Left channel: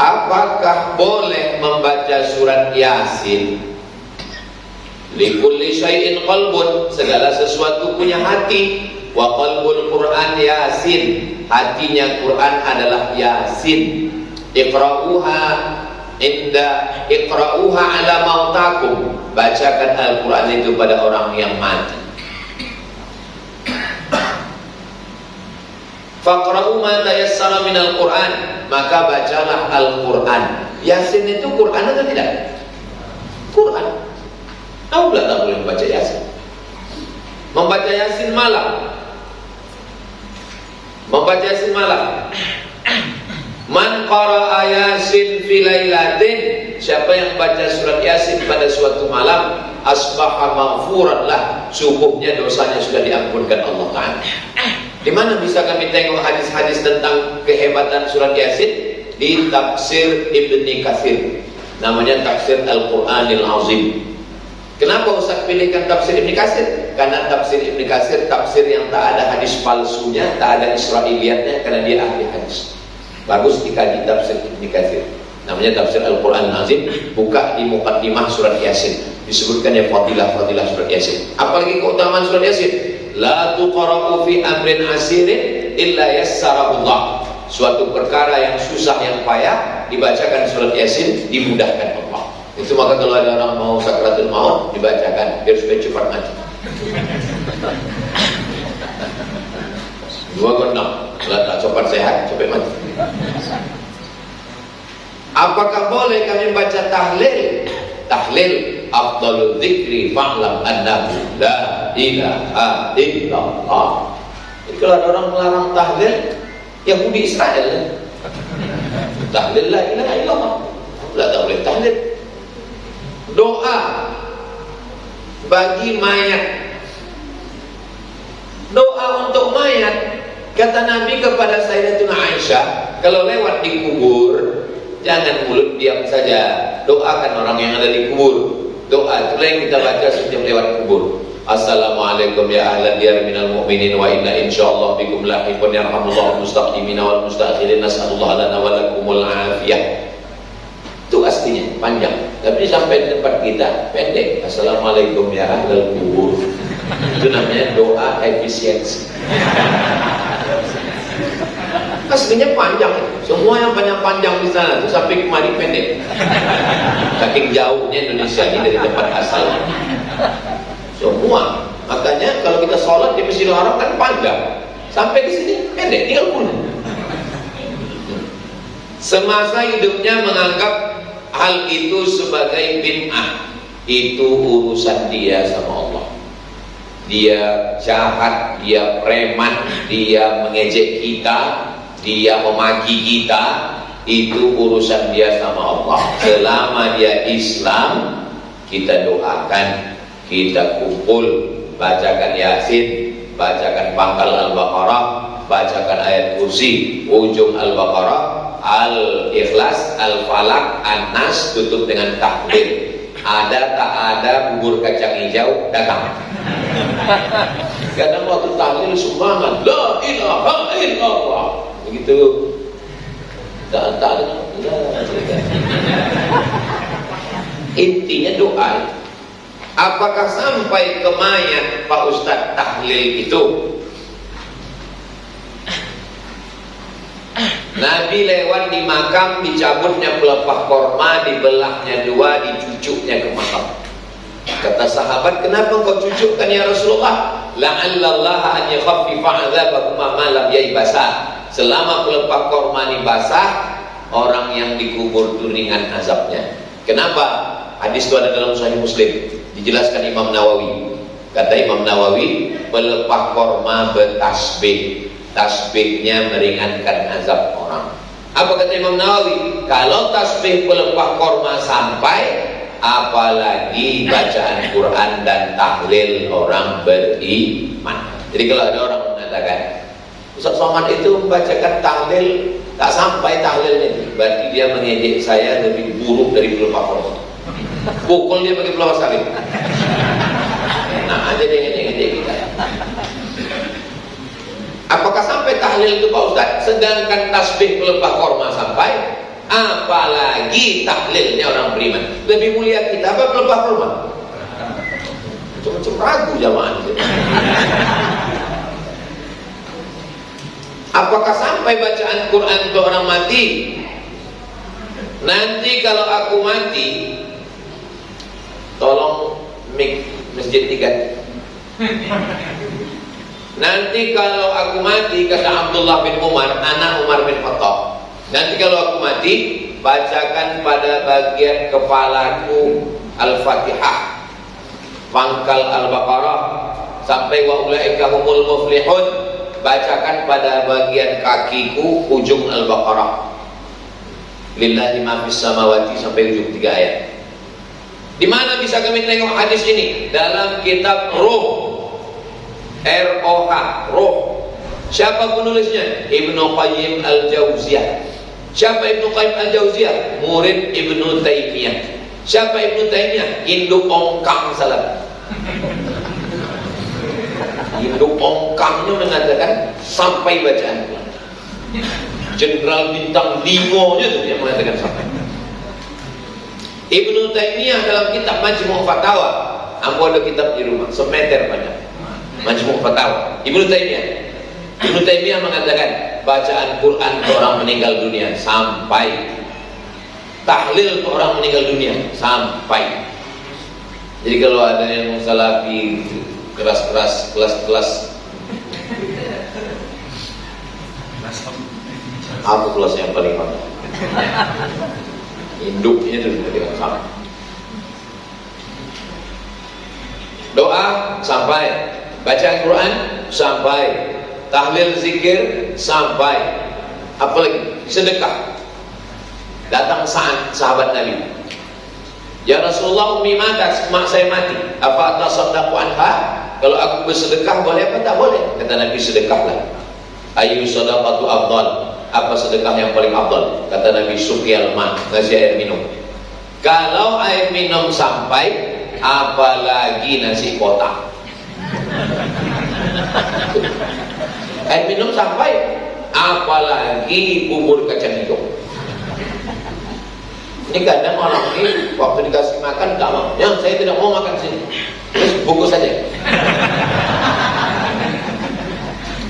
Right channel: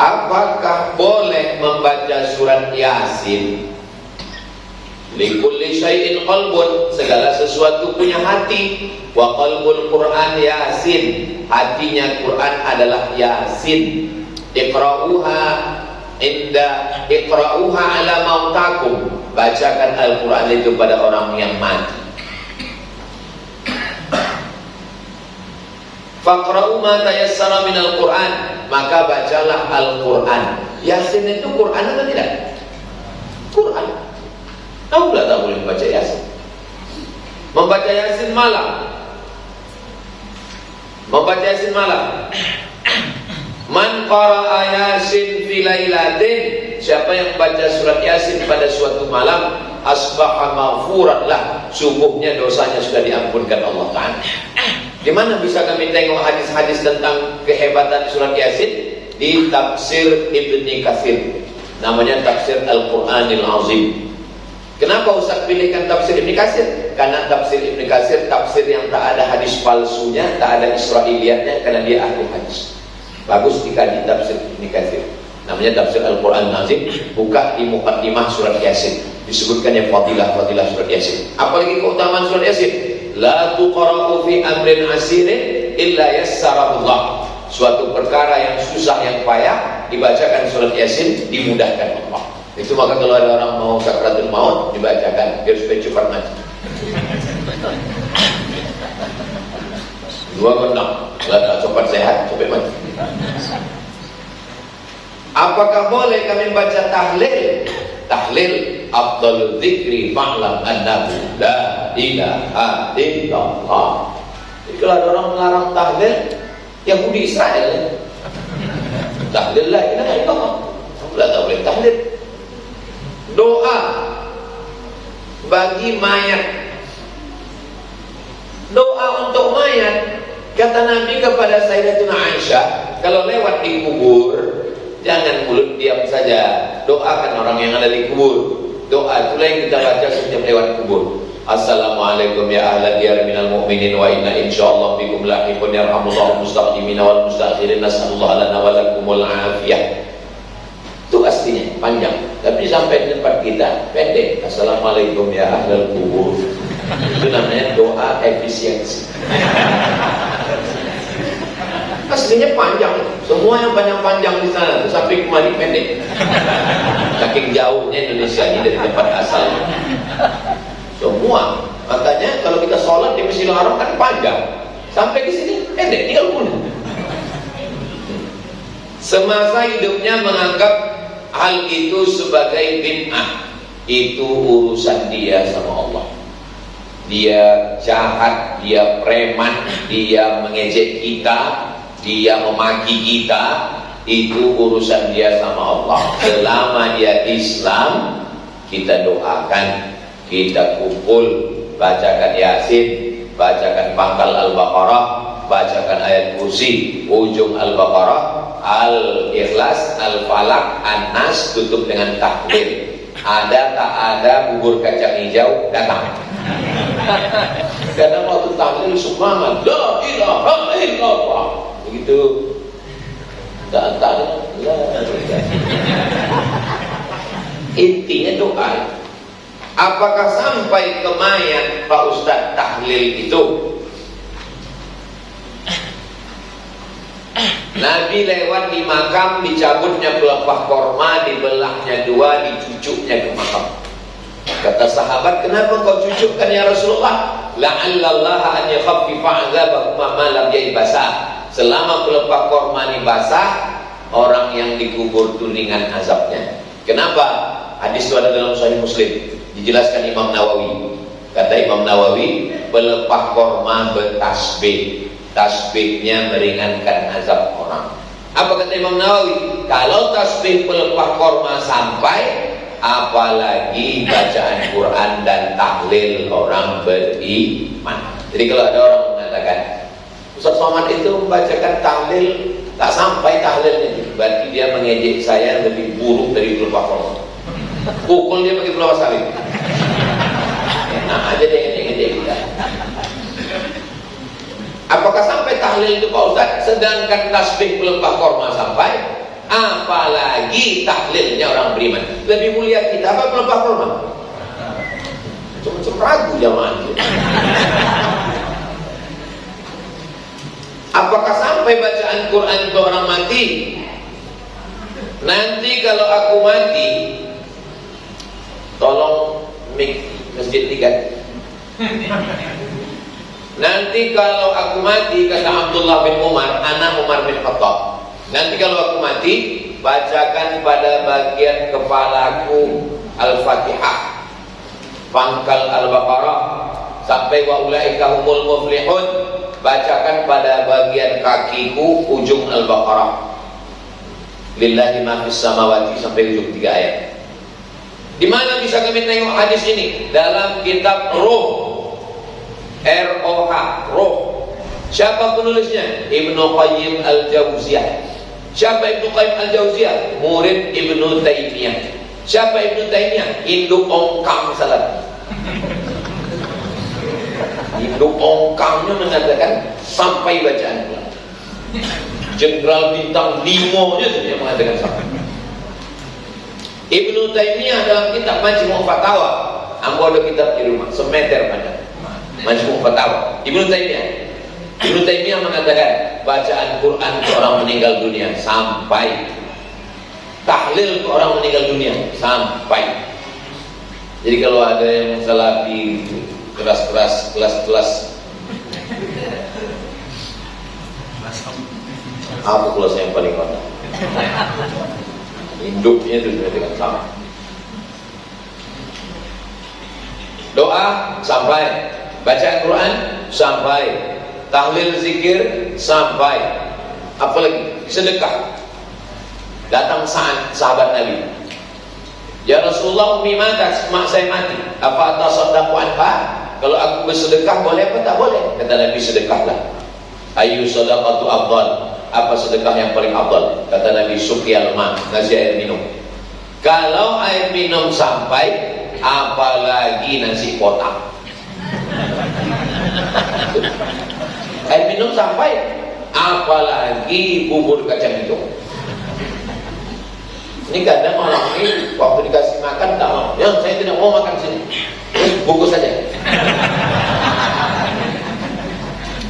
apakah boleh membaca surat Yasin? Likulli syai'in qalbun, segala sesuatu punya hati. Wa qalbul Quran Yasin, hatinya Quran adalah Yasin. Iqra'uha ala mautakum, bacakan Al-Quran itu pada orang yang mati. Faqra'u ma tayassara minal Quran, maka bacalah Al-Quran. Yasin itu Quran atau tidak? Quran. Tahu nggak tak boleh membaca Yasin? Membaca Yasin malam. Membaca Yasin malam. Man qara'a Yasin fi lailatin, siapa yang baca surat Yasin pada suatu malam, asbaha maghfuran lah, subuhnya dosanya sudah diampunkan Allah Ta'ala. Di mana bisa kami tengok hadis-hadis tentang kehebatan surat Yasin? Di tafsir Ibnu Katsir, namanya tafsir Al-Qur'anil Azim. Kenapa Ustaz pilihkan tafsir Ibnu Katsir? Karena tafsir Ibnu Katsir tafsir yang tak ada hadis palsunya, tak ada Israiliyatnya, karena dia ahli hadis. Bagus dikaji tafsir Ibnu Katsir. Namanya tafsir Al-Qur'anil Azim. Buka di muqaddimah surat Yasin, disebutkan yang fadilah surat Yasin. Apalagi keutamaan surat Yasin? La tuqra'u fi amrin asirin illa yassarahullah. Suatu perkara yang susah, yang payah, dibacakan surat Yasin, dimudahkan Allah. Itu maka kalau ada orang mau sakratul maut, dibacakan biar supaya cepat mati. Dua genap, kalau tak cepat sehat, cepat mati. Apakah boleh kami baca tahlil? Tahlil afdalul dzikri fa'lam annahu la ilaha illallah. Jadi kalau ada orang melarang tahlil, Yahudi Israel, tahlil la ilaha illallah, tak boleh tahlil. Doa bagi mayat, doa untuk mayat, kata Nabi kepada Sayyidatina Aisyah, kalau lewat di kubur, jangan mulut diam saja, doakan orang yang ada di kubur. Doa itulah yang kita baca setiap lewat kubur. Assalamualaikum ya ahla diyar minal mu'minin wa inna insyaallah bikum lahiqun yarhamullahu mustaqimina wal mustakhirin nas'alullah lana wa lakumul afiyah. Itu aslinya panjang, tapi sampai di tempat kita pendek. Assalamualaikum ya ahlal kubur. Itu namanya doa efisiensi. Aslinya panjang, semua yang panjang-panjang di sana tuh sampai kemari pendek. Saking jauhnya Indonesia ini dari tempat asal. Semua, makanya kalau kita sholat di Masjidil Haram kan panjang, sampai di sini pendek, 30. Semasa hidupnya menganggap hal itu sebagai bid'ah. Itu urusan dia sama Allah. Dia jahat, dia preman, dia mengejek kita, dia memaki kita, itu urusan dia sama Allah. Selama dia Islam, kita doakan, kita kumpul, bacakan Yasin, bacakan pangkal Al-Baqarah, bacakan ayat kursi, ujung Al-Baqarah, Al-Ikhlas, Al-Falaq, An-Nas, tutup dengan tahlil. Ada tak ada bubur kacang hijau, datang. Karena waktu tahlil semangat, la ilaha illallah. Begitu tak ada. Intinya doa. Apakah sampai ke mayat Pak Ustadz tahlil itu? Nabi lewat di makam, dicabutnya pelepah korma, dibelahnya dua, dicucuknya ke makam. Kata sahabat, kenapa kau cucukkan ya Rasulullah? La'allallaha an yakhaffifa 'adzabahuma ma lam yaibasa. Selama pelepah korma dibasah, orang yang dikubur itu ringan azabnya. Kenapa? Hadis itu ada dalam Sahih Muslim, dijelaskan Imam Nawawi. Kata Imam Nawawi, pelepah korma bertasbih, tasbihnya meringankan azab orang. Apa kata Imam Nawawi? Kalau tasbih pelepah korma sampai, apalagi bacaan Quran dan tahlil orang beriman. Jadi kalau ada orang mengatakan Ustaz Somad itu membacakan tahlil tak sampai tahlilnya, berarti dia mengejek saya lebih buruk dari pelepah korma. Pukul dia pakai pelepah sawit. Nah aja dia ngejek kita. Apakah sampai tahlil itu Pak Ustaz? Sedangkan tasbih pelepah korma sampai, apalagi tahlilnya orang beriman. Lebih mulia kita apa pelepah kurma? Macam ragu jamaah. Apakah sampai bacaan Quran ke orang mati? Nanti kalau aku mati, tolong mik masjid 3. Nanti kalau aku mati, kata Abdullah bin Umar, anak Umar bin Khattab, nanti kalau aku mati, bacakan pada bagian kepalaku Al-Fatihah, pangkal Al-Baqarah sampai wa ulaika humul muflihun, bacakan pada bagian kakiku ujung Al-Baqarah, lillahi ma fis samawati sampai ujung 3 ayat. Di mana bisa kami tengok hadis ini? Dalam kitab Ruh, R-O-H, Ruh. Siapa penulisnya? Ibnu Qayyim Al-Jauziyah. Siapa Ibnu Qayyim Al-Jauziyah? Murid Ibnu Taimiyah. Siapa Ibnu Taimiyah? Induk ongkang salah. Induk ongkangnya mengatakan sampai bacaan pulang. Jenderal bintang 5 nya dia mengatakan sampai. Ibnu Taimiyah dalam kitab Majmu' Fatawa, ambo ada kitab di rumah, semeter pada Majmu' Fatawa. Ibnu Taimiyah mengatakan bacaan Quran ke orang meninggal dunia sampai, tahlil ke orang meninggal dunia sampai. Jadi kalau ada yang salafi keras-keras, kelas-kelas, apa kelas yang paling bawah? Hidupnya itu tidak sama. Doa sampai, bacaan Quran sampai, tahlil zikir sampai, apalagi sedekah. Datang sahabat Nabi, ya Rasulullah, umi mati, mak saya mati, apa atasaddaqu anha? Kalau aku bersedekah boleh apa tak boleh? Kata Nabi, sedekahlah. Ayu sadaqatu afdal? Apa sedekah yang paling afdal? Kata Nabi, suqyal ma, ngasih air minum. Kalau air minum sampai, apalagi nasi kotak. Air minum sampai, apalagi bubur kacang hijau. Ini kadang orang ini waktu dikasih makan tak mau. Ya, saya tidak mau makan sini. Bungkus saja.